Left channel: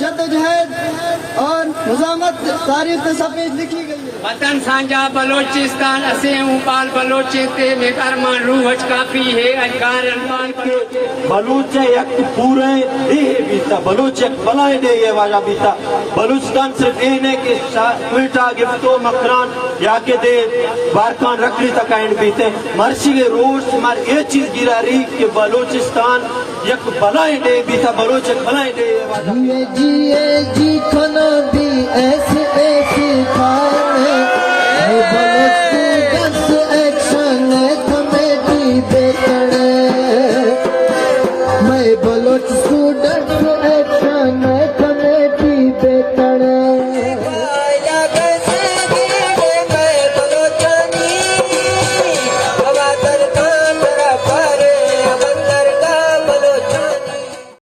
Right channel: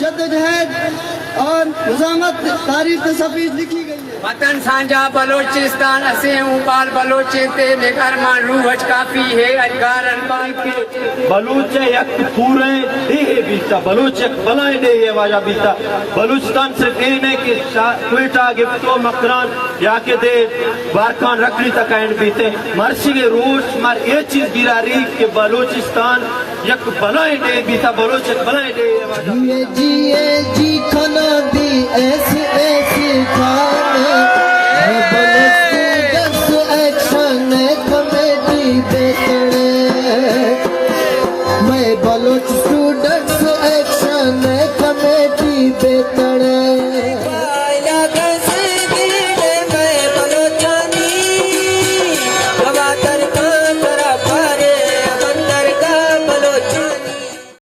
जद्दोजहद और मुजामत तारीफ सफेद लिखी गई है। वतन सांझा बलोचिस्तान असे उपाल बलोचे मेकार मानू हज काफी है अजगार अनपाल के बलूच एक पूरे ये बीता बलूच एक बलाए दे ये वाजा बीता बलूचिस्तान सिर्फ ये नहीं कि क्वेटा गिफ्टो मकरान या के दे बारकान रखली तक एंड बीते मर्सी के रोज मर ये चीज गिरा रही कि बलूचिस्तान एक बलाए दे बीता बलूच एक बलाए दे ये वाजा जी खाना दी ऐसी ऐसी खाने एक्शन कमेटी देखने मैं बलोच